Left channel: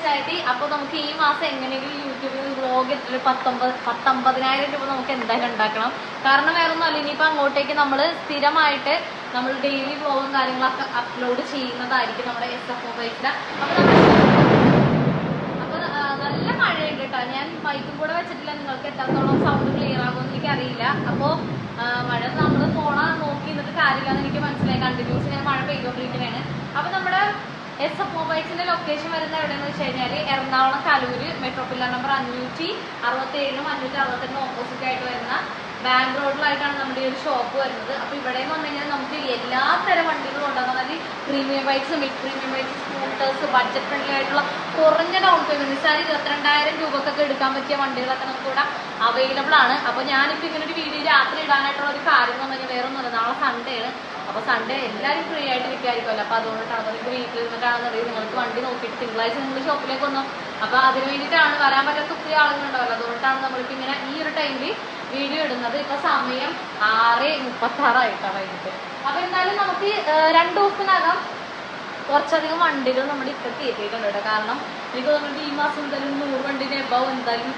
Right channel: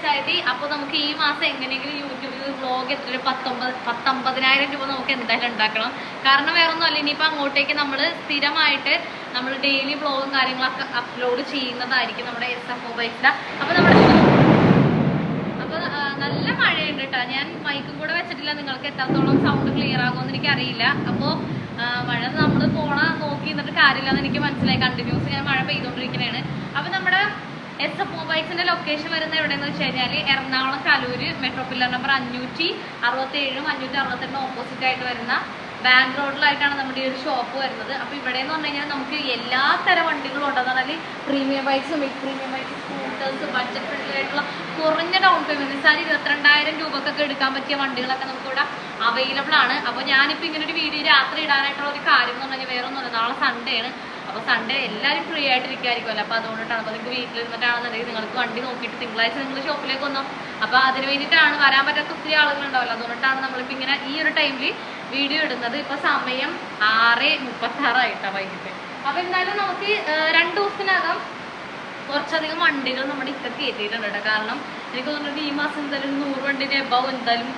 എക്സൈറ്റി. അപ്പോൾ നമുക്ക് ഈ മാസം എങ്ങനെയെങ്കിലും യൂട്യൂബിൽ വ്ളോഗ് എത്ര 19,000 രൂപ നമുക്ക് എന്തായാലും ഉണ്ടാക്കണം. കാരണം വേറെ ഒന്നും അല്ല, ഇനിയിപ്പോൾ അങ്ങോട്ടേക്ക് നമ്മൾ സ്ഥിരമായിട്ട് നമ്മൾ ഡെയിലി വ്ളോഗും കാര്യങ്ങളൊക്കെ അപ്ലോഡ് ചെയ്യുന്നതായിരിക്കും നമ്മുടെ SFO ബൈക്സിലെ. അപ്പോൾ നല്ല മഴയുണ്ട് കേട്ടോ. ഞാൻ മൈക്കും കൂടെ വെച്ചിട്ടില്ല, നിങ്ങൾക്ക് എത്രത്തോളം സൗണ്ട് ക്ലിയർ ആകുമെന്ന് എനിക്കറിയില്ല. അപ്പോൾ മഴ നമ്മൾ നോക്കി നിന്നിട്ട് കാര്യമില്ലെന്ന് എനിക്ക് മനസ്സിലായി. കണ്ടിന്യൂസ് ഞാൻ മഴ പെയ്തുകൊണ്ടിരിക്കുന്നതാണ്. അപ്പോൾ നമ്മുടെ SFO ബൈക്സിന്റെ ലൊക്കേഷൻ വരുന്നത് എവിടെയെന്ന് വെച്ച് കഴിഞ്ഞാൽ Ernakulam Kaloor metro pillar number 567 568 opposite ആയിട്ട് വരുന്ന ബാങ്ക് റോഡിലായിട്ടാണ് നമ്മുടെ ഈ ഒരു ഷോപ്പ് വരുന്നത്. അപ്പോൾ ഇവിടെ എന്ന് പറഞ്ഞു കഴിഞ്ഞാൽ നമുക്ക് എല്ലാ തരം വണ്ടികളും ഉണ്ടെന്ന് പറഞ്ഞാൽ premium bikes, mid premium bikes, scooters, budget friendly ആയിട്ടുള്ള കുറഞ്ഞ ഡൗൺ പേയ്മെന്റ് വെച്ചാൽ 22,000 രൂപക്കൊക്കെ എടുക്കാൻ പറ്റിയ വണ്ടികളൊക്കെ നമുക്കിവിടെ അവൈലബിൾ ആണ്. അപ്പോൾ ഞാനിപ്പോൾ ഇങ്ങനെ ഒരു വീഡിയോ രാത്രി ഇടാനായിട്ടുള്ള ഒരു കാര്യം എന്ന് പറഞ്ഞാൽ വേറെ ഒന്നുമില്ല, നാളെ സൺഡേ ആണ്. അപ്പോൾ സൺഡേ എല്ലാവരും ഫ്രീ ആയിട്ട് ഇരിക്കുമായിരിക്കുമല്ലോ. അപ്പോൾ അതുകൊണ്ടിട്ടാണ്. അപ്പോൾ നിങ്ങൾക്ക് വീട്ടിലിരുന്നിട്ടാണെന്നുണ്ടെങ്കിൽ നിങ്ങൾക്ക് വണ്ടി നോക്കിയിട്ട് തിങ്കളാഴ്ച നിങ്ങൾ ഷോപ്പിലേക്ക് വന്നോ. അപ്പോൾ അതിന് വേണ്ടിയിട്ടാണ്, വരാൻ പറ്റാത്ത ഒത്തിരി ആളുകളുണ്ടാവല്ലോ. അതുകൊണ്ടാണ് നമ്മളിപ്പോൾ ഇങ്ങനെ ഈ ഒരു ടൈമിൽ വീഡിയോ ഇടുന്നത്. ഇപ്പോൾ സമയം 6:36 വൈകിട്ട്. അപ്പോൾ എന്തായാലും നമുക്ക് 2 ദിവസത്തിനകം കുറച്ചധികം വണ്ടികൾ നമ്മുടെ ഇതൊക്കെ എത്തിയിട്ടുണ്ട് കേട്ടോ. കാരണം എനിക്ക് തോന്നുന്നുണ്ട് ഈ മാസം എന്തായാലും 100 വണ്ടിൻ്റെ എബവ് എന്തായാലും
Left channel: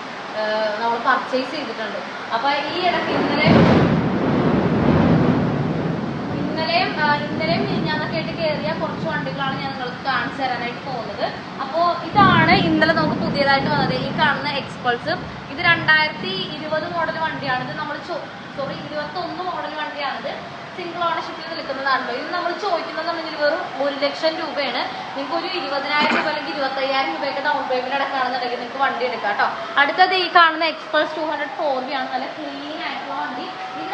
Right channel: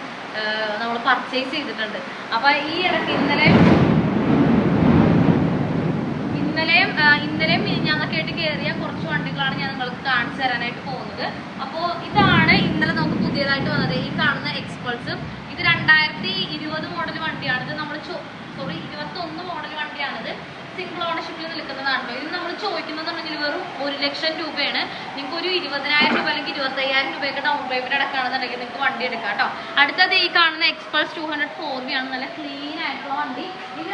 നമ്മൾ പർച്ചേസ് ചെയ്തിട്ടുണ്ട്. അപ്പോൾ ഈ ഇടയ്ക്ക് ഇന്നലെയും ഞാനൊക്കെ ആയിട്ട് കയറിയ കുറച്ച് വണ്ടികളാണ് ഞാൻ നിങ്ങൾക്ക് കാണിച്ചു തരാനായിട്ട് പോകുന്നത്. അപ്പോൾ ഇതാണ് ഇന്നലെ നമുക്ക് പുതിയതായിട്ട് വന്നത്, ഈ കാണുന്ന എക്സ്പൾസ്. ഇത് 2020 മോഡൽ വണ്ടിയാണിത്. നമ്മൾ 21 മോഡൽ വണ്ടിയാണിത്. സിംഗിൾ ഓണർഷിപ്പിൽ നിൽക്കുന്നതാണ്. ഇത് നമ്മൾ ചോദിക്കുന്നതെന്നുണ്ടെങ്കിൽ വെറും 1 ലക്ഷം രൂപയാണ്. നിങ്ങൾക്ക് ഒരു 20,000 രൂപ അല്ലെങ്കിൽ 25,000 രൂപയൊക്കെ ഡൗൺ പേയ്മെന്റ് അടക്കാണെന്നുണ്ടെങ്കിൽ നിങ്ങൾക്ക് വണ്ടി എടുക്കാം കേട്ടോ. അടുത്തത് ഈ കാണുന്ന എക്സ്പൾസ് 200 4V ആണ്. നല്ല ക്ലീൻ ആയിട്ടുള്ള വണ്ടി. ഇത്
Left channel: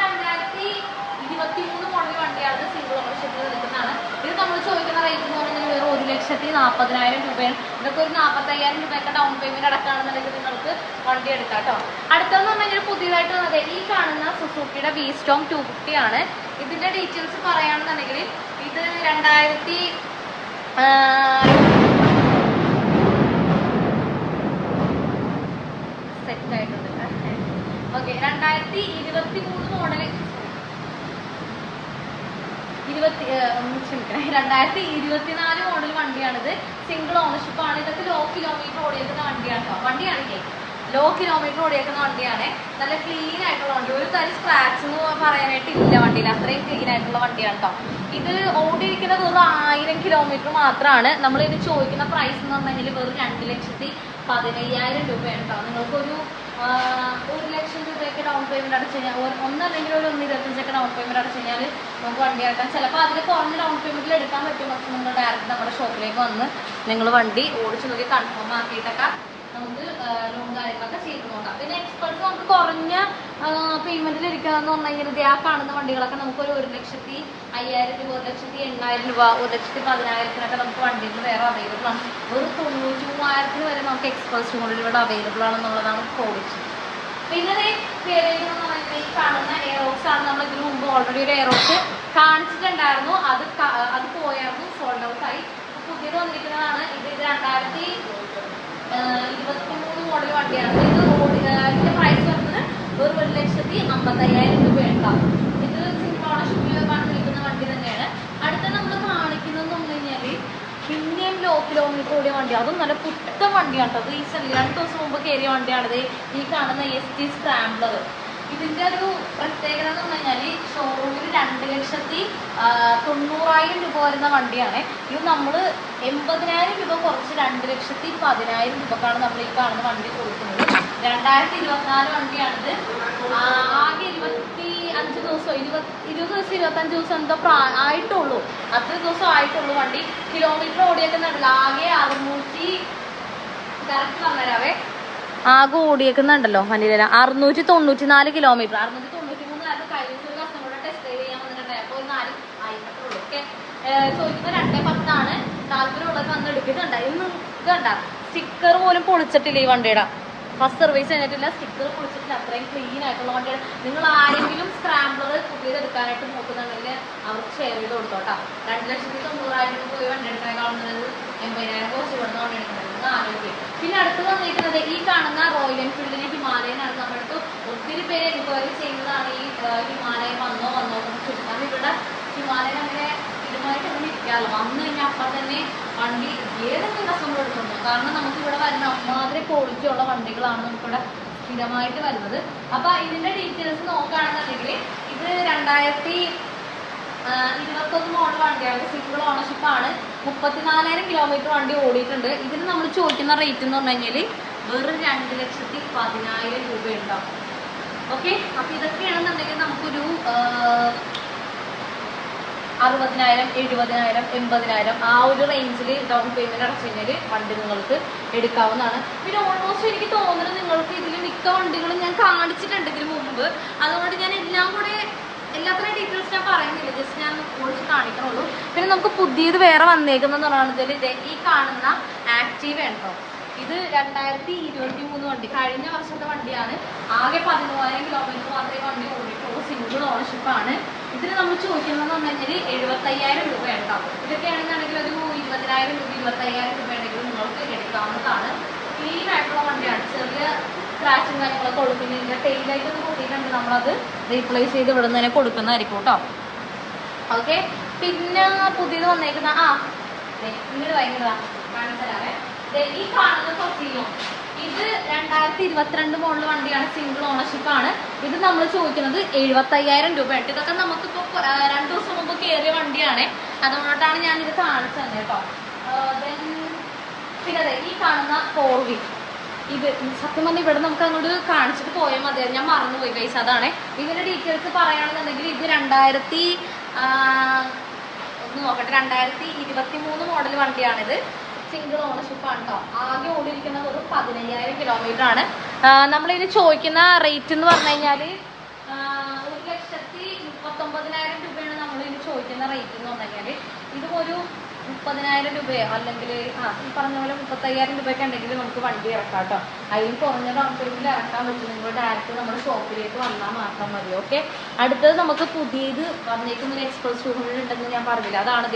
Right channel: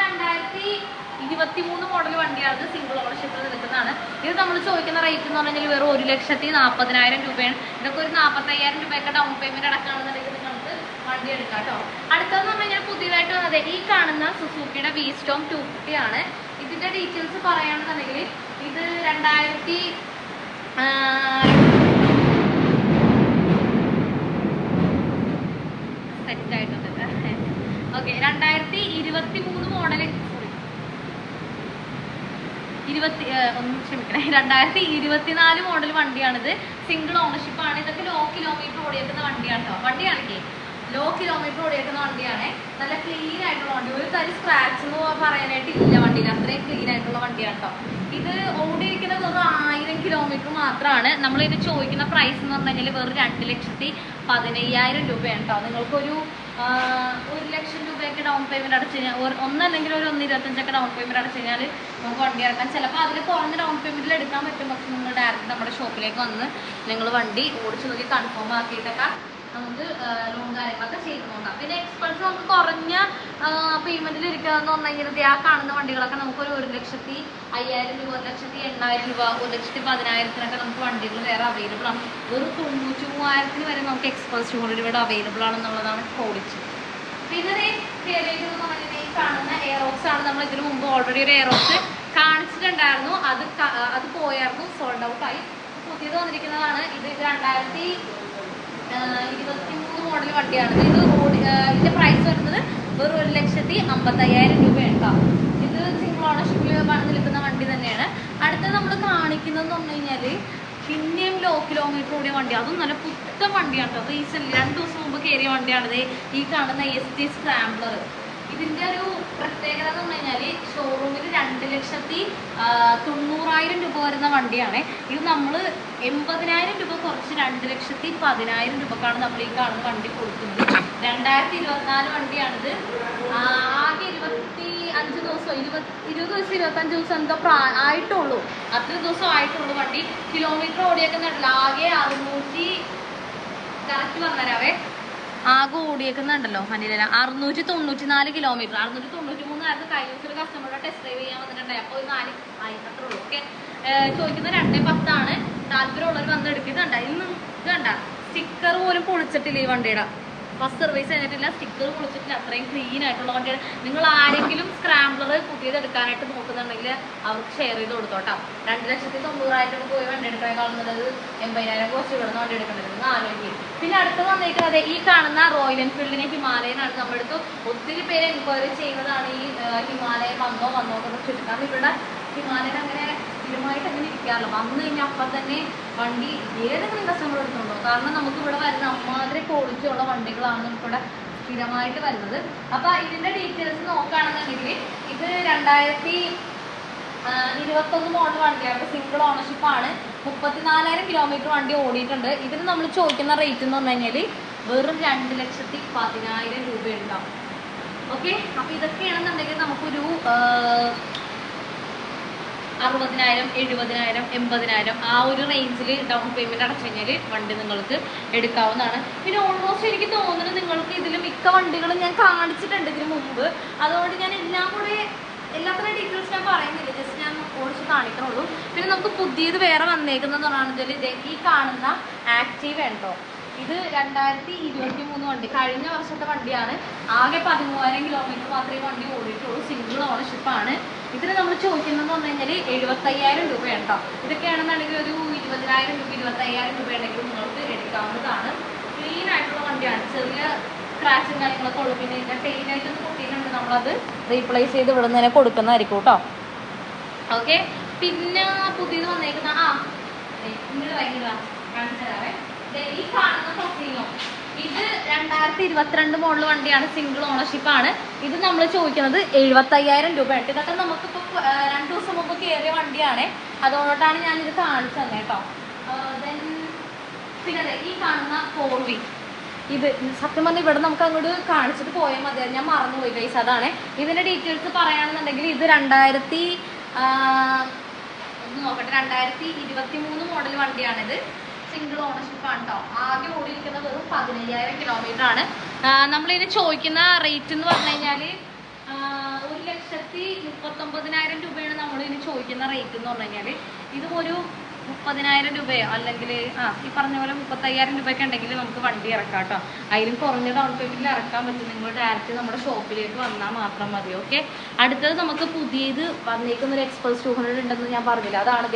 2023 മോഡൽ വണ്ടിയാണ്. സിംഗിൾ ഓണർഷിപ്പിൽ നിൽക്കുന്നതാണ്. ഇത് നമ്മൾ ചോദിക്കുന്ന റേറ്റ് എന്ന് പറഞ്ഞാൽ വെറും 1,40,000 രൂപയാണ്. ഇതൊക്കെ ഒരു 45,000 രൂപയൊക്കെ ഡൗൺ പേയ്മെന്റ് അടക്കാണെന്നുണ്ടെങ്കിൽ നിങ്ങൾക്ക് വണ്ടി എടുക്കാം കേട്ടോ. അടുത്തെന്ന് പറഞ്ഞാൽ പുതിയതായിട്ട് വന്നത് ഈ കാണുന്ന സുസുക്കിയുടെ V-Storm 250 ആണ്. ഇതിന്റെ ഡീറ്റെയിൽസ് പറയുകയാണെന്നുണ്ടെങ്കിൽ ഇത് 2000 സെറ്റ് ആയിട്ടുണ്ട്. ഓക്കെ, 2023 മോഡൽ 2024 മോഡൽ വണ്ടിയാണിത്. സിംഗിൾ ഓണർഷിപ്പ് ആണ്. ഇതൊക്കെ ലോ കിലോമീറ്റർ ഓടിയേക്കുന്ന വണ്ടിയാണ് കേട്ടോ. വണ്ടിയാണെങ്കിൽ ലോ കിലോമീറ്റർ ഓടിയേക്കുന്ന വണ്ടിയാണ്. നല്ല ക്ലീൻ ആയിട്ടുള്ള വണ്ടി. ഒരു തരം സ്ക്രാച്ച് എന്ന് പറയാനായിട്ട് ഇല്ല വണ്ടിയിൽ. അത്രയും ക്ലീൻ ആയിട്ടുള്ള വണ്ടിയാണ് കേട്ടോ. ഇത് ഓടിയിരിക്കുന്നത് വെറും 1000 കിലോമീറ്റർ മാത്രമാണ്. നമ്മളിത് ചോദിക്കുന്ന പ്രൈസ് എന്ന് പറഞ്ഞു കഴിഞ്ഞാൽ വെറും 2,15,000 രൂപയാണ് കേട്ടോ. നിങ്ങൾക്കൊരു 1 ലക്ഷം രൂപയൊക്കെ ഡൗൺ പേയ്മെന്റ് അടച്ചു കഴിഞ്ഞാൽ, ഒന്നല്ലെങ്കിൽ ഒരു 1,25,000 ഡൗൺ പേയ്മെന്റ് അടച്ചു കഴിഞ്ഞാൽ നമുക്ക് വണ്ടി ഇറക്കാം. ചിലപ്പോൾ അതിൽ കുറഞ്ഞ ഡൗൺ പേയ്മെന്റിൽ എടുക്കാൻ പറ്റും. പക്ഷെ നിങ്ങൾ ഡയറക്റ്റ് നമ്മുടെ ഷോപ്പിലേക്ക് വന്ന് നിങ്ങൾ വണ്ടി ഓടിച്ചു നോക്കി കൺഫേം ആക്കിയിട്ടൊക്കെ നമുക്ക് ലോൺ കാര്യങ്ങളൊക്കെ ചെയ്ത് നോക്കാം. പിന്നെ എക്സ്പൾസ് നമുക്ക് കുറഞ്ഞ പേയ്മെന്റിൽ ഇരിക്കാന്ന് പറഞ്ഞു കഴിഞ്ഞാൽ ആ കാണുന്ന വണ്ടികളൊക്കെ നമുക്ക് ഒരു 1,05,000 രൂപ, 1,08,000 രൂപ, 1,10,000 നമുക്ക് വണ്ടികൾ വേറെ അവൈലബിൾ ആണ്. വെറും 93,000 വരെ നമുക്ക് എക്സ്പൾസ് കൊണ്ട് ഇവിടെ അവൈലബിൾ ആണെന്നുള്ളതാണ് പോളിസി. പിന്നെ കയറിയതെന്ന് പറഞ്ഞാൽ ഈ കാണുന്ന എയറോക്സ് ആണ്. നമ്മൾ ഇതിനു മുമ്പ് ഓൾറെഡി ഒരു എയറോക്സ് കാണിച്ചിട്ടുണ്ടായിരുന്നു. അത് പോയായിരുന്നു, സോൾഡ് ഔട്ട് ആയി. പുതിയത് വന്നിരിക്കുന്നതാണ് ഇത്. 2023 മോഡൽ വണ്ടിയാണ്. ഇതിന്റെ പ്രൈസ് വരുന്നത് വെറും 1,50,000 രൂപയാണ്. ഇത് സിംഗിൾ ഓണർഷിപ്പിൽ നിൽക്കുന്ന വണ്ടി തന്നെയാണ്. അടുത്തത് നമ്മൾ കാണിക്കുന്നത് പറഞ്ഞു കഴിഞ്ഞാൽ പിന്നെയും ലോ കിലോമീറ്റർ ഓടിയ വണ്ടി. അതും നല്ല പുത്തൻ വണ്ടിയാണ് കേട്ടോ. റീസെന്റ് 2 ദിവസം മുമ്പ് കയറിയ വണ്ടിയാണിത്. ഈ കാണുന്ന ST സ്ക്രാംബ്ലർ. ഇതിന്റെ ഒരു പ്രത്യേകത എന്ന് പറഞ്ഞാൽ ഷോറൂമിൽ 2,90,000 രൂപ വരുന്ന വണ്ടിയാണ്. ഇത് നമ്മൾ 80,000 രൂപ കുറച്ച് 2,10,000 രൂപക്കാണ് നമ്മൾ ഈ കാണുന്ന വണ്ടി കൊടുക്കുന്നത്. 2024 വണ്ടിയാണിത്. ആകെ 25 ദിവസം 25 ദിവസം എന്തോ ആയിട്ടുള്ളൂ. അത്രയും ദിവസം ആയിട്ടുള്ളൂ വണ്ടി. കിലോമീറ്റർ ഓടിയേക്കുന്നുണ്ടല്ലോ ആകെ 600 കറക്റ്റ് പറഞ്ഞുതരാവേ. ആകെ ഓടിയേക്കുന്നുണ്ടല്ലോ വണ്ടിയില 694 കിലോമീറ്റർ. 693 ആയിരുന്നു കഴിഞ്ഞ ദിവസം കസ്റ്റമറുടെ ടെസ്റ്റ് ഡ്രൈവ് ചെയ്യാൻ വന്നിട്ടുണ്ടായി. അപ്പോൾ 4 ആയിട്ടത്രേ ഉള്ളൂ. ഓക്കെ, ചോദിക്കുന്നത് 2,10 ആണ്. താല്പര്യമുള്ളവർ വന്ന് എടുക്കുന്നുണ്ട്. ഇതുണ്ട സ്റ്റിക്കർ പോലും പൊളിച്ചിട്ടില്ല ഈ വണ്ടിയുടെ. ഫസ്റ്റ് സർവീസ് കഴിഞ്ഞിട്ടില്ല, സ്റ്റിക്കർ പൊളിച്ചിട്ടില്ല. അത്രയും ക്ലീൻ ആയിട്ടുള്ള വണ്ടിയാണ്. നിങ്ങൾ ആരെങ്കിലും സ്ക്രാംബ്ലർ പുതിയത് എടുക്കാനായിട്ട് നോക്കുന്നുണ്ടെങ്കിൽ അവർക്ക് ഷെയർ ചെയ്ത് കൊടുത്തോട്ടോ. 2,90,000 പോയി വണ്ടി എടുക്കാനുള്ളത് 80,000 കുറച്ച് ഇവിടുന്ന് വണ്ടി എടുക്കേണ്ടത് ആലോചിക്കും. പിന്നെ അടുത്ത് വന്നിരിക്കുന്നത് ഈ കാണുന്ന റോയൽ എൻഫീൽഡിനെ ഹിമാലയനാണ്. നമ്മുടെ അടുത്ത് ഒത്തിരി പേര് എൻക്വയറി ചെയ്യുന്നതാണ് ഈ ഹിമാലയൻ വന്നോ എന്ന് ചോദിച്ചിട്ട്. കാരണം ഇവിടെ ഹിമാലയൻ അങ്ങനെ സ്ഥിരമായിട്ട് അങ്ങനെ ഇരിക്കാറില്ല. വന്നു കഴിഞ്ഞാൽ അപ്പം തന്നെ വണ്ടി ഏതെങ്കിലും കസ്റ്റമർ എടുത്തുണ്ടോ, കാരണം നമുക്ക് ഇവിടെ വരുന്ന അമ്മാതിരി ക്വാളിറ്റി ഉള്ള വണ്ടികളാണ് നമുക്കിവിടെ സ്ഥിരമായിട്ട് വരുന്നത്. അപ്പം ഇതിൻ്റെ ഡീറ്റെയിൽസ് നോക്കുകയാണെന്നുണ്ടെങ്കിൽ ഇത് 2021 മോഡൽ വണ്ടിയാണ്, സിംഗിൾ ഓണർഷിപ്പാണ്, 34,000 കിലോമീറ്റർ വണ്ടി ഓടിയിട്ടുണ്ട്. ഇതിന് നമ്മൾ ചോദിക്കുന്ന റേറ്റ് എന്ന് പറഞ്ഞു കഴിഞ്ഞാൽ വെറും 2,10,000 രൂപ ഉണ്ടാവും. ഓക്കെ, അപ്പം ഇതൊക്കെയാണെന്നുണ്ടെങ്കിൽ നമുക്കൊരു 60,000, 70,000, 80,000 ആ ഒരു റേഞ്ചിൽ ഡൗൺ പേയ്മെൻറ്റ് അടച്ചു കഴിഞ്ഞാൽ വണ്ടി നിങ്ങൾക്ക് എടുക്കാവുന്നതാണ്. പിന്നെ ഓൾമോസ്റ്റ് എനിക്ക് തോന്നുന്നത് നിങ്ങൾക്ക് ഇതിൽ മിക്ക വണ്ടികളും ഞാൻ കാണിച്ചിട്ടുണ്ട് ഇതിന് മുമ്പ്, അതുകൊണ്ട് ഞാൻ എല്ലാം കൂടെ എല്ലാത്തിനും ഡീറ്റെയിൽസ് ഞാൻ പറയുന്നില്ല, ജസ്റ്റ് ഞാൻ ഓടിച്ച് കാണിക്കണുള്ളൂ. പിന്നെ നമുക്ക് പുതിയത് വേറെ വന്നേക്കുന്നതെന്ന് പറയുന്നത് ഇത് ഈ കാണുന്ന ആക്റ്റീവ ഉണ്ടോ, ഇത് 2023 വണ്ടി, കഴിഞ്ഞ വർഷത്തെ വണ്ടിയാണ്. ആകെ 13,000 കിലോമീറ്റർ മാത്രമേ വണ്ടി ഓടിയിട്ടുള്ളൂ, സിംഗിൾ ഓണർഷിപ്പാണ്. ഇതിന് നമ്മൾ ചോദിക്കുന്നതെന്ന് പറഞ്ഞു കഴിഞ്ഞാൽ 75,000 രൂപ ഉണ്ടോ. ഇതൊക്കെയാണെന്നുണ്ടെങ്കിൽ ഒരു 20,000 രൂപ 25,000 രൂപ ഉണ്ടെങ്കിൽ നിങ്ങൾക്ക് എടുക്കാവുന്നതാണ്. ക്ലീൻ ആയിട്ടുള്ള വണ്ടിയാണ്, ചെറിയ സ്ക്രാച്ചും കാര്യങ്ങളൊക്കെ ഉള്ളൂ. പിന്നെ ഇതിൻ്റെ ടെയിലായിട്ടൊന്ന് പൊട്ടിയിട്ടുണ്ട്, നമ്മളത് റീപ്ലേസ് ചെയ്ത് ഇവിടെ നിന്ന് തന്നെ കൊടുക്കുന്നതായിരിക്കും കേട്ടോ. ഓക്കെ, പിന്നെ പുതിയത് വന്നേക്കുന്ന ഇങ്ങോട്ട് വരുന്നതാ കാണിച്ചാലേ ഈ കാണുന്ന ടൊസീനോ, ഇത് 2022 മോഡൽ വണ്ടിയാണ്, സിംഗിൾ ഓണർഷിപ്പാണ്. ഇത് നമ്മൾ ചോദിക്കുന്നത് 75,000 രൂപയായിട്ട്. ഇതൊക്കെ നമുക്കിപ്പോൾ 2 ദിവസം മുമ്പ് കയറിയ വണ്ടിയാണ്, അതുകൊണ്ടാണ് ഞാനിത് കാണിച്ചു തന്നെ കേട്ടോ. പിന്നെ അതെ ഈ കാണുന്ന 4V, ഇത് സത്യം പറഞ്ഞാൽ ഇവിടെ നമുക്ക് അങ്ങോട്ട് കാണിച്ചിട്ട് പോയാൽ മതി, ഞാൻ മറന്നുപോയി ഗൈസ്. അതാണ് ഇതിൻ്റെ ഡീറ്റെയിൽസ് പറയുകയാണെന്നുണ്ടെങ്കിൽ ഇത് 2023 മോഡൽ വണ്ടിയാണിത്, സിംഗിൾ ഓണർഷിപ്പാണ് കേട്ടോ. ആകെ ഓടിയിരിക്കുന്നത് ഒരു 15,000 കിലോമീറ്റർ ആണ്. നമ്മളിനി ചോദിക്കുന്ന റേറ്റ് എന്ന് പറഞ്ഞു കഴിഞ്ഞാൽ 1,39,000 രൂപയാണ് നമ്മളിനി ചോദിക്കുന്ന റേറ്റ് എന്ന് പറഞ്ഞു കഴിഞ്ഞാൽ. ഇതും ഒരു 30,000 രൂപയോ അല്ലെങ്കിൽ ഈ പറഞ്ഞ പോലെ 35,000 രൂപയൊക്കെ ഉണ്ടെങ്കിൽ നമുക്ക് വണ്ടി ഇറക്കാം കേട്ടോ. അതിലും കുറഞ്ഞ ഡൗൺ പേയ്മെൻറ്റിൽ ഇറക്കാൻ പറ്റും. നിങ്ങൾ ഡയറക്റ്റ് നമ്മുടെ ഷോപ്പിലേക്ക് വന്നാൽ മാത്രം മതി. ഓക്കെ, അടുത്തത് നമുക്ക് പുതിയത് വന്നേക്കുന്നൊരു എക്സ്പ്രസ് 200 ഉണ്ടെന്ന് ഞാൻ പറഞ്ഞില്ല, അതാണ്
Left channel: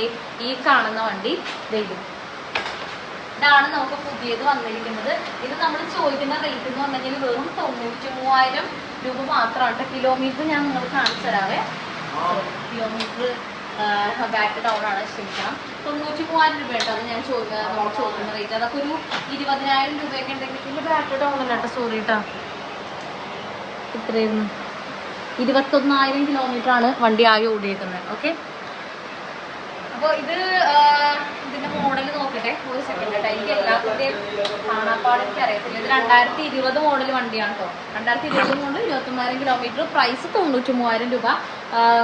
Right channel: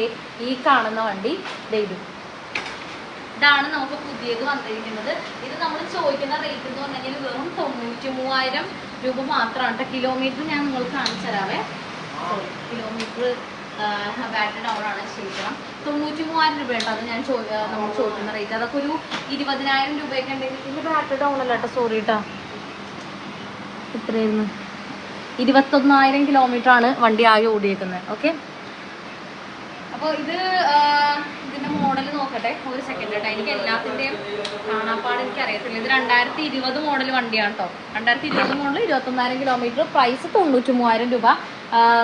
ഈ കാണുന്ന വണ്ടി. ഇതാണ് നമുക്ക് പുതിയത് വന്നിരിക്കുന്നത്. ഇത് നമ്മൾ ചോദിക്കുന്ന റേറ്റ് എന്ന് പറഞ്ഞെങ്കിൽ വെറും 93,000 രൂപ മാത്രമാണ്. കിലോമീറ്റർ ഞാൻ നിങ്ങൾക്ക് കാണിച്ചു തരാവേ. കിലോമീറ്റർ ബാക്ക് ഡൗൺ ആണ്, ക്ഷമിക്കണം. 93,000 രൂപ കേട്ടോ അത് ഞാൻ നമ്മൾ ചോദിക്കുന്ന റേറ്റ്. അതൊക്കെ ഒരു 20,000 രൂപയൊക്കെ ഉണ്ടെങ്കിൽ പിന്നെ ബാക്ക് ഡൗൺ അല്ല കേട്ടോ, സോറി കേട്ടോ. ഇത്രയായിരുന്നു 21,000 കിലോമീറ്റർ ആണ് വണ്ടി ആകെ ഓടി വെക്കുന്നത്. ഓക്കെ, അപ്പോൾ ഇതിൻ്റെ മോഡൽ നോക്കട്ടെ ഒരു സെക്കൻഡ് കേട്ടോ. എനിക്ക് എല്ലാത്തിൻ്റെയും കാണാപ്പാട് എനിക്ക് അറിയത്തില്ല. ഇത് 2020 മോഡൽ വണ്ടിയാണ് കേട്ടോ. 2020 മോഡൽ 21,000 കിലോമീറ്റർ, പ്രൈസ് 93,000 രൂപ.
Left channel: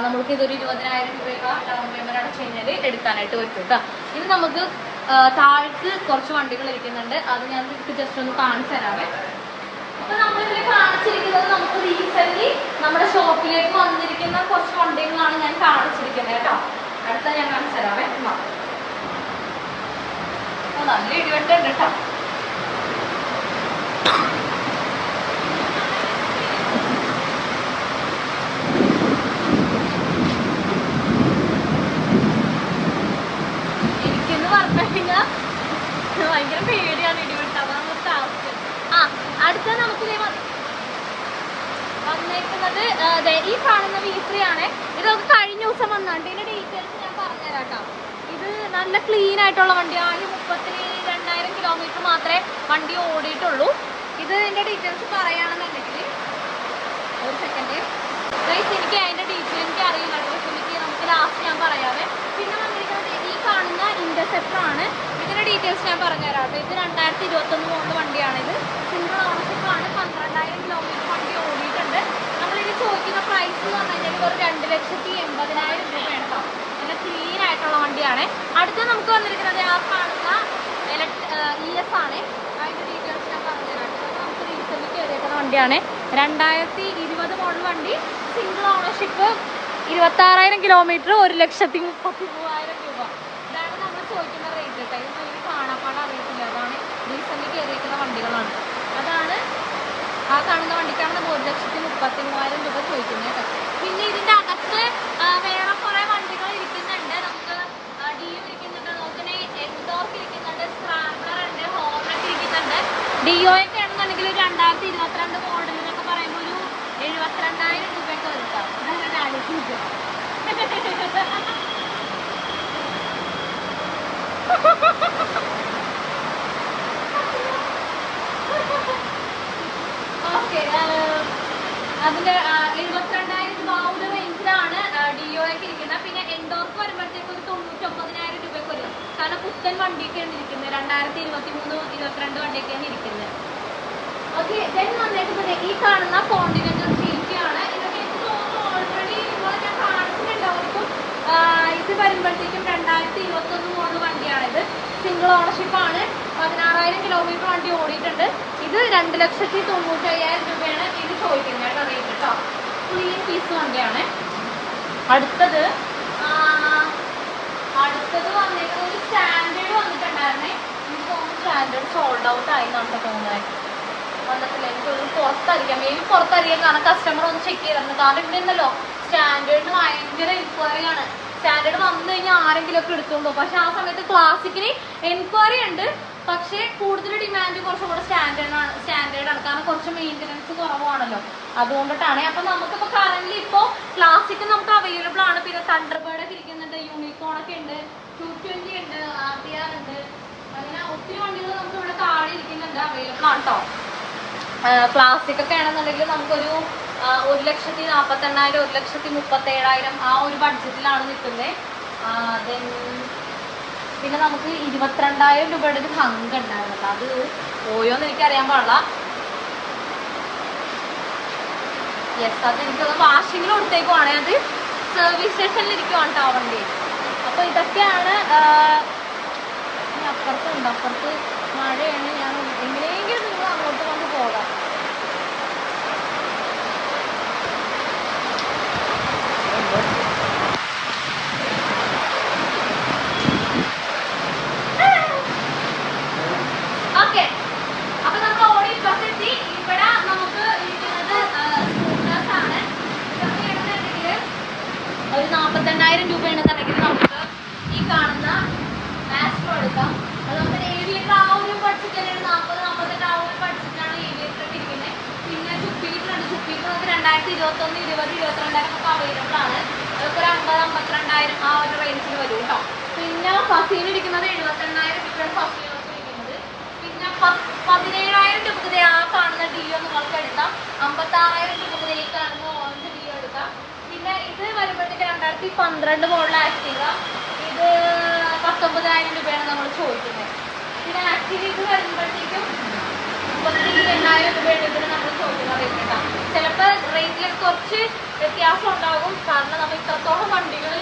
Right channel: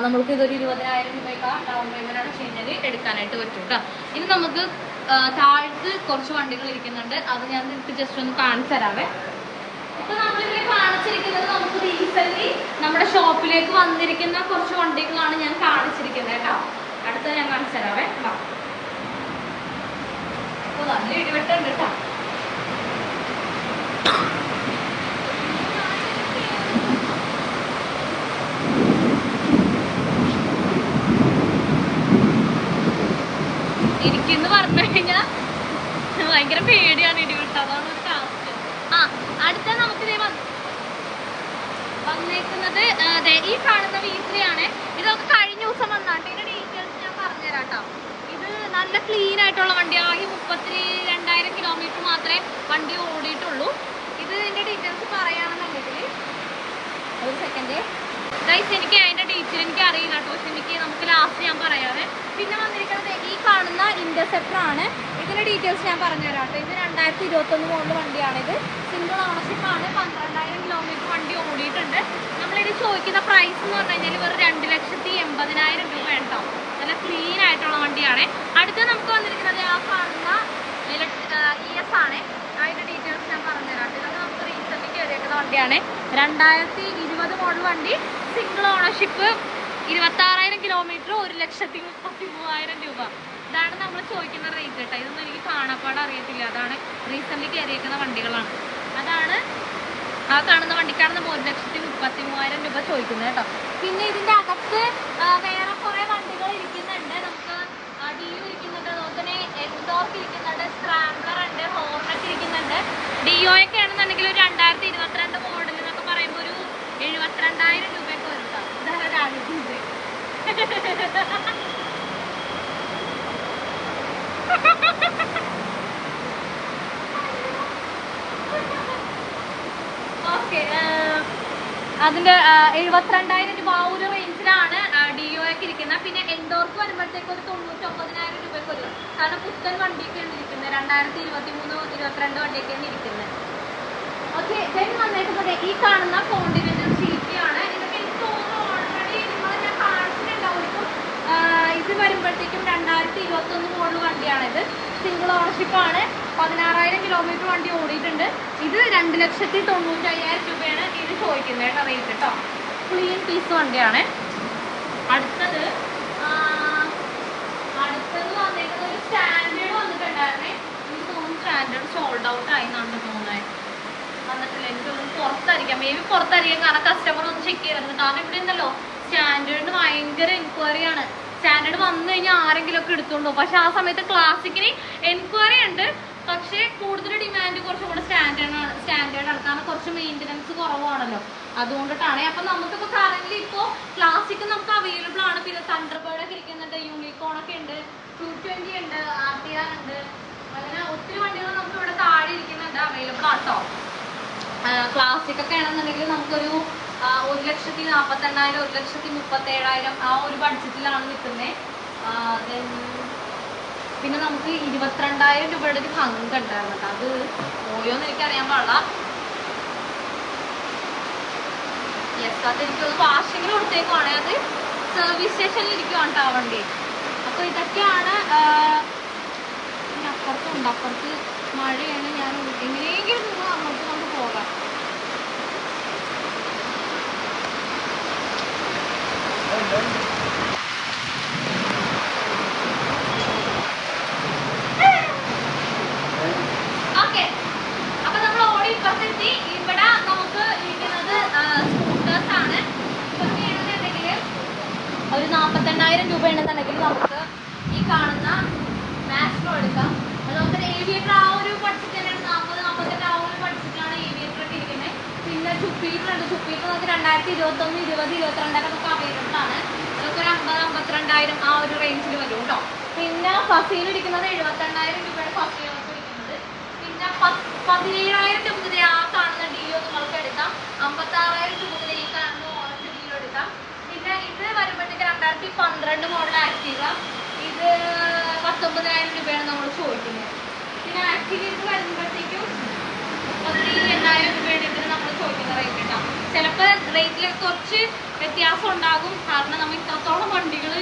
നമുക്ക് ഇതൊരു 20,000 രൂപയൊക്കെ ഡൗൺ പേയ്മെൻറ്റ് അടച്ചു കഴിഞ്ഞാൽ എടുക്കാനായിട്ട് പറ്റും കേട്ടോ. ഇനി നമുക്ക് താഴേക്ക് കുറച്ച് വണ്ടികൾ ഇരിക്കുന്നുണ്ട്, അത് ഞാൻ നിങ്ങൾക്ക് ജസ്റ്റ് ഒന്ന് കാണിച്ചു തരാവേ. അപ്പോൾ നമ്മളിതിൽ കാണിച്ചിരിക്കുന്നത് നമുക്ക് റീസെൻ്റ്ലി നമ്മുടെ ഷോപ്പിലേക്ക് വന്നിരിക്കുന്ന കുറച്ച് വണ്ടികളാണ് ഞാൻ കാണിച്ചിരിക്കുന്നത് കേട്ടോ. അടുത്ത ഞാൻ കാണിച്ചു തരാവേ. നല്ല ഇടിവെട്ടുണ്ട് കേട്ടോ. എനിക്കെന്ന് പറഞ്ഞു കഴിഞ്ഞാൽ ഭയങ്കര പേടിയാണ് ഇടിവെട്ട്, അതാണ് ഒരു ടാസ്ക്. അടുത്ത നമുക്ക് വന്നേക്കുന്നത് ഈ കാണുന്ന V3 ആണ്. ഇതൊക്കെ കഴിഞ്ഞ ദിവസം വന്നാണ്ട് ഇതിന്റെ ഡീറ്റെയിൽസ് ഞാൻ പറഞ്ഞുതരാം കേട്ടോ. ഇത് നല്ല ക്ലീൻ ആയിട്ടുള്ള വണ്ടിയാണ്. ആകെ 32,000 കിലോമീറ്റർ മാത്രമേ വണ്ടി ഓടിയിട്ടുള്ളൂ. ഇതിന്റെ ഡീറ്റെയിൽസ് പറയുകയാണെന്നുണ്ടെങ്കിൽ ഒരു സെക്കൻഡ് ഗൈസ്, എനിക്ക് അതിന്റെ ഡീറ്റെയിൽ എനിക്ക് അറിയില്ല കേട്ടോ. എനിക്ക് നമുക്ക് ലാസ്റ്റ് ഞാൻ പറയാവേ. പിന്നെ വന്നിരിക്കുന്നത് ഈ കാണുന്ന ഇന്റർസെപ്റ്റർ ആണ്. ഇതിന്റെ ഡീറ്റെയിൽസ് ഞാൻ പറഞ്ഞുതരാം കേട്ടോ. ഇത് 2021 മോഡൽ വണ്ടിയാണിത്, സിംഗിൾ ഓണർഷിപ്പാണ്, 12,000 കിലോമീറ്റർ വണ്ടി ഓടിയിട്ടുണ്ട്. നമ്മളിത് ചോദിക്കുന്ന പ്രൈസ് എന്ന് പറഞ്ഞു കഴിഞ്ഞാൽ വെറും 2,80,000 രൂപ കേട്ടോ. നല്ല ക്ലീൻ ആയിട്ടുള്ള വണ്ടിയാണ്. അടുത്ത നമുക്ക് വന്നിരിക്കുന്നത് ആ കാണുന്ന ES ആണ്. അതിൻ്റെ ഡീറ്റെയിൽസ് ഞാൻ പറഞ്ഞുതരാം. ഇതൊക്കെ നമുക്ക് റീസെൻ്റ് കയറിയിരിക്കുന്ന വണ്ടിയാണ്, 2020 മോഡൽ വണ്ടി, സിംഗിൾ ഓണർഷിപ്പ്, 26,000 കിലോമീറ്റർ, 1,33,000 രൂപ. ഇതാണ് നമ്മൾ ചോദിക്കുന്ന റേറ്റ് കേട്ടോ. ഇതൊന്നും എനിക്ക് കാണാപ്പാട് അറിയത്തില്ല, അതാണ് റീസെൻ്റ് കയറിയിരിക്കുന്ന വണ്ടികളാണ്. അതാണ് ആ കാണുന്ന വണ്ടിക്കാണ് 1,33,000 രൂപ ചോദിക്കുന്നത് കേട്ടോ. പിന്നെ ഇതിൻ്റെ അകത്ത് വേറെ കുറേ വണ്ടികൾ ഇരിക്കുന്നുണ്ട്. നമുക്ക് DU ഇരിക്കുന്നുണ്ട്, അതുപോലെ എൻഡോർക്ക് ഇരിക്കുന്നുണ്ട്, സ്ക്രാബ്ലർ ഉണ്ട്, ഹോർണറ്റ് ഇരിക്കുന്നുണ്ട്. DO ഒക്കെ ആണെന്നുണ്ടെങ്കിൽ ഒരു 2022 മോഡൽ എന്നൊക്കെ പറയുമ്പോൾ ഒരു 72,000 രൂപയൊക്കെ വരും കേട്ടോ. ഇതാണ് ഓക്കെ, അതിന്റെ 72,000 രൂപ ആ ഒരു റേഞ്ചിലാണ് ഡിഒ ഒക്കെ ഇരിക്കുന്നത്. പിന്നെ എൻഡോർക്ക് വരുമ്പോഴത്തേക്ക് ഒരു 99,000 രൂപയ്ക്ക് വരും. കാരണം പുത്തൻ വണ്ടിയൊക്കെയാണ് ഇരിക്കുന്നത്, 2023-22 വണ്ടിയൊക്കെയാണ് ഇരിക്കുന്നത്. ഓക്കെ, ദെൻ വന്നേക്കുന്നത് ഈ കാണുന്ന കോണ്ടിനെന്റൽ ഷീറ്റാണ്. ഇതൊക്കെ എനിക്ക് തോന്നുന്നു ഓൾറെഡി നിങ്ങൾ ഞാൻ കാണിച്ചിട്ടുണ്ടാവും. ഇത് വരുമ്പോഴത്തേക്കും 2021 മോഡൽ വണ്ടിയാണിത്. സിംഗിൾ ഓണർഷിപ്പാണ്. 16,000 കിലോമീറ്റർ വണ്ടി ഓടിയിട്ടുണ്ട്. ഇത് 2,95,000 രൂപയാണ് ഇത് ചോദിക്കുന്നത് കേട്ടോ, റേറ്റ് കേട്ടോ. ക്ലീൻ പീസ് വണ്ടിയാണ്. അടുത്തത് വന്നിട്ട് ഒരു സ്റ്റാൻഡേർഡ് വന്നിട്ടുണ്ടായിരുന്നേ. എനിക്ക് തോന്നുന്നു സ്റ്റാൻഡേർഡ് സോൾഡ് ഔട്ട് ആയിന്നുണ്ട് തോന്നുന്നത്. വന്നിട്ടില്ല, എനിക്ക് തോന്നുന്നു പുറത്തറിയാം, മേ ബി പുറത്തറിയാം. കാരണം കസ്റ്റമർ ഒന്ന് ചെക്ക് ചെയ്തിരുന്നു. കാരണം ഇവിടെ ഉണ്ടല്ലോ സ്റ്റാൻഡേർഡിന് ഭയങ്കര എൻക്വയറിയാണ്. സ്റ്റാൻഡേർഡ് വന്നു കഴിഞ്ഞാൽ ആരെങ്കിലും ഒക്കെ എടുത്തോളൂ. പക്ഷെ ആ സമയത്ത് ക്ലാസിക്കിന് എൻക്വയറി ഉണ്ട്, പക്ഷേ കൂടുതൽ ഡിമാൻഡ് കുറച്ചും കൂടെ സ്റ്റാൻഡേർഡാണ്. കാരണം കുറച്ച് മെയിൻ്റനൻസ് കുറവാണല്ലോ, അതുകൊണ്ടിട്ടാണ്. അപ്പം നമുക്കിപ്പോൾ കറന്റ് ഇപ്പോൾ ക്ലാസിക് നമുക്ക് അവൈലബിൾ ആണ്. പിന്നെ തണ്ടർബേർഡ് ഒക്കെ ഇരിക്കുന്നുണ്ട്, യൂണിക്കോൺ ഒക്കെ ഉണ്ട്, 220 ഉണ്ട്, RTR ഉണ്ട്. അങ്ങനെ ഒത്തിരി വണ്ടികൾ നമുക്ക് ഇവിടെ താഴെ ഇരിക്കുന്നുണ്ട്, അവൈലബിൾ ആണ് കേട്ടോ. ക്ലാസിക് ഒക്കെ ആണെന്നുണ്ടെങ്കിൽ നമുക്കൊരു 1,48,000, 1,37,000 ആ ഒരു ബഡ്ജറ്റിലാണ് നിൽക്കുന്നത്. ദെൻ പിന്നെ നമുക്ക് 22,000 രൂപയുടെ ഒരു ഹങ്ക് ഉണ്ടായിരുന്നു കേട്ടോ. അത് പോയോന്ന് എനിക്കറിയാൻ പാടില്ല. യെസ്, അത് എനിക്കത് വാഷിങ്ങിൽ കൊടുത്തേക്കുവാണേ. അത് സർവീസ് സ്റ്റേഷനിൽ ഇരിക്കുവാണ് കേട്ടോ വണ്ടി. അപ്പോൾ ഇതൊക്കെയാണ്. അപ്പുറത്തുണ്ട്, അപ്പുറത്ത് മഴയാണ്. ഞാൻ എങ്ങനെയെങ്കിലും നിങ്ങൾ അങ്ങോട്ട് കൊണ്ട് പോകാം. ഓക്കെ, അപ്പൊ നമ്മൾ ഓടി ഇപ്പുറത്തെത്തി. ഇവിടെ നമുക്ക് ഇരിക്കുന്നത് സ്കൂട്ടേഴ്സ് ആണ്. ഇതൊക്കെ ആണെന്നുണ്ടെങ്കിൽ ഒരു 42,000 രൂപയാണെന്നുണ്ടെങ്കിൽ നമുക്ക് ഈ കാണുന്ന മാസ്റ്റർ എടുക്കാം. അതുപോലെ ഏവിയേറ്റർ ആ ഒരു ബഡ്ജറ്റ് തന്നെയാണ്. 40-48 ആ ഒരു ബഡ്ജറ്റിലാണ് ഏവിയേറ്റർ ഇരിക്കുന്നത്. പിന്നെ ജുപ്പീറ്റർ ഉണ്ട്. ജുപ്പീറ്റർ നമുക്ക് 2021, 20, 22 ഒക്കെ അവൈലബിൾ ആണ്. അതൊക്കെ ഒരു 50-52,000 ആ ഒരു റേഞ്ചിൽ വരും കേട്ടോ. പിന്നെ ഫസീൽ ഇരിക്കുന്നത് 75,000 രൂപയുടെ ഫസീലാണ് ഇരിക്കുന്നത്. പിന്നെ 17,000 രൂപ ആ കാണുന്ന ഡിഒ നിങ്ങൾക്ക് എടുക്കാം. 56,000 രൂപ ഈ കാണുന്ന ഓറഞ്ച് ഡിഒ എടുക്കാം. പിന്നെ ഇത് വരുമ്പോഴത്തേക്ക് 2012 മോഡൽ ആക്റ്റീവ. ഇത് 19,000 രൂപയാണ് നമ്മൾ ചോദിക്കുന്നത്. പിന്നെ ആക്റ്റീവ ഇത് വരുമ്പോഴത്തേക്കും 32,000 രൂപയാണ് ഇതിന് നമ്മൾ ചോദിക്കുന്ന റേറ്റ് കേട്ടോ. ചിലപ്പോൾ റേറ്റിൽ കുറച്ച് വ്യത്യാസം ഉണ്ടാകും. കാരണം നമ്മൾ ഇത്രത്തോളം വണ്ടികൾ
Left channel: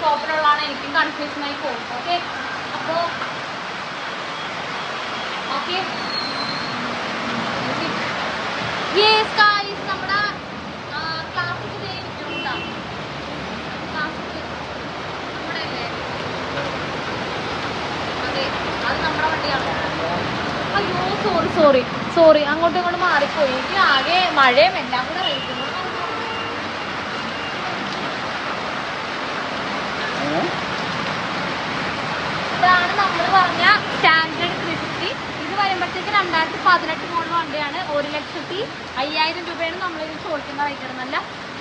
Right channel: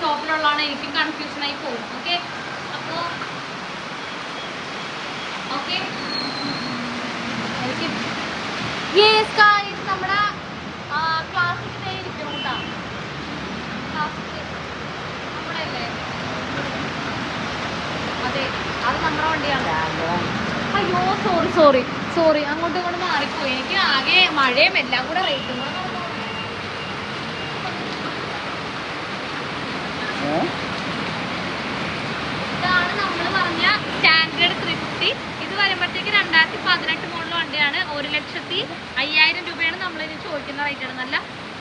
ഷോപ്പിലുള്ളതാണ്, എനിക്കും കൺഫ്യൂഷനായി പോകും. ഓക്കെ, അപ്പോൾ ഓക്കെ നമ്മുടെ സോറി അങ്ങോട്ടും ഇങ്ങോട്ട് മാറിപ്പോയി. എനിക്ക് ആകെ മഴയും എല്ലാം കൂടെ റേറ്റ്. ഇതാണ് നമ്മൾ പറഞ്ഞ സ്റ്റാൻഡേർഡ് 350. ഇത് വരുമ്പോഴത്തേക്ക് 2018 മോഡൽ വണ്ടിയാണ്. 1,05,000 രൂപയാണ് നമ്മളിത് ചോദിക്കുന്ന റേറ്റാണ്. നല്ല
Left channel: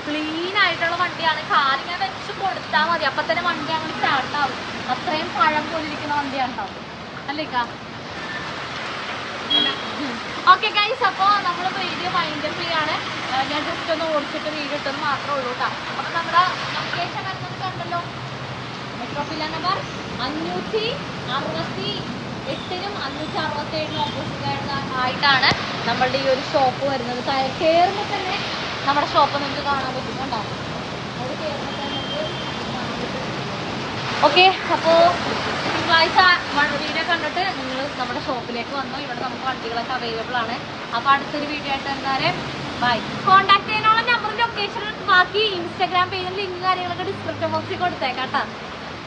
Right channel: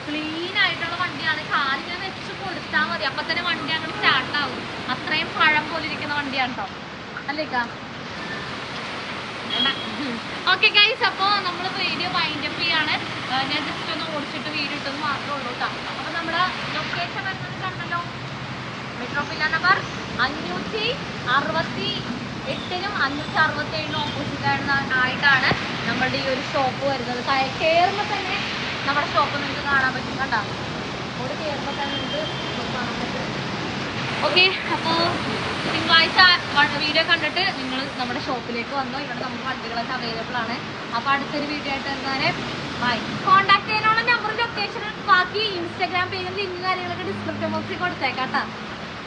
ക്ലീൻ ആയിട്ടുള്ള വണ്ടിയാണ്. കാറിനെ വെച്ച് കൊടുത്താൽ മതി, അപ്പം തന്നെ വണ്ടി അങ്ങനെ സ്റ്റാർട്ടാവും. അത്രയും പഴം പോലെ ഇരിക്കുന്ന വണ്ടിയാണ് കേട്ടോ, അല്ലേക്കാ? ഓക്കെ ഗൈസ്, അപ്പോൾ നമ്മൾ വീഡിയോ വൈൻഡ് അപ്പ് ചെയ്യാണ്. ഞാൻ ജസ്റ്റ് ഒന്ന് ഓടിച്ചിട്ട് വീഡിയോ ഇട്ടത് മാത്രമേ ഉള്ളൂ കേട്ടോ. അപ്പം നമ്മുടെ ലൊക്കേഷൻ ഉണ്ടല്ലോ, മെട്രോപില്ല നമ്പർ 568-നും 567-നും ഓപ്പോസിറ്റായിട്ടാണ് നമ്മളുടെ ഈ ഒരു ഷോപ്പ് വരുന്നത്. കയറുമ്പോൾ തന്നെ നമ്മുടെ ഷോപ്പ് നമുക്ക് കാണാൻ പറ്റുന്നുണ്ടോ? ഓക്കെ, അപ്പോൾ തിങ്കളാഴ്ച വീഡിയോ കണ്ടിട്ട് നിങ്ങൾ നമ്മുടെ ഷോപ്പിലേക്ക് വന്നു. ഇവിടെ നമുക്ക് വണ്ടികളൊക്കെ അവൈലബിൾ ആണ്. അപ്പോൾ അടുത്തൊരു വീഡിയോ ആയിട്ട് എന്തായാലും ബൈ. കോൺടാക്ട് ചെയ്യാനുള്ള നമ്പറും ലൊക്കേഷനും ബാക്കി ഇൻസ്റ്റാഗ്രാം പേജിൽ ലിങ്ക് കാര്യങ്ങളൊക്കെ ഡിസ്ക്രിപ്ഷൻ ബോക്സിൽ കൊടുത്തേക്കാം കേട്ടോ.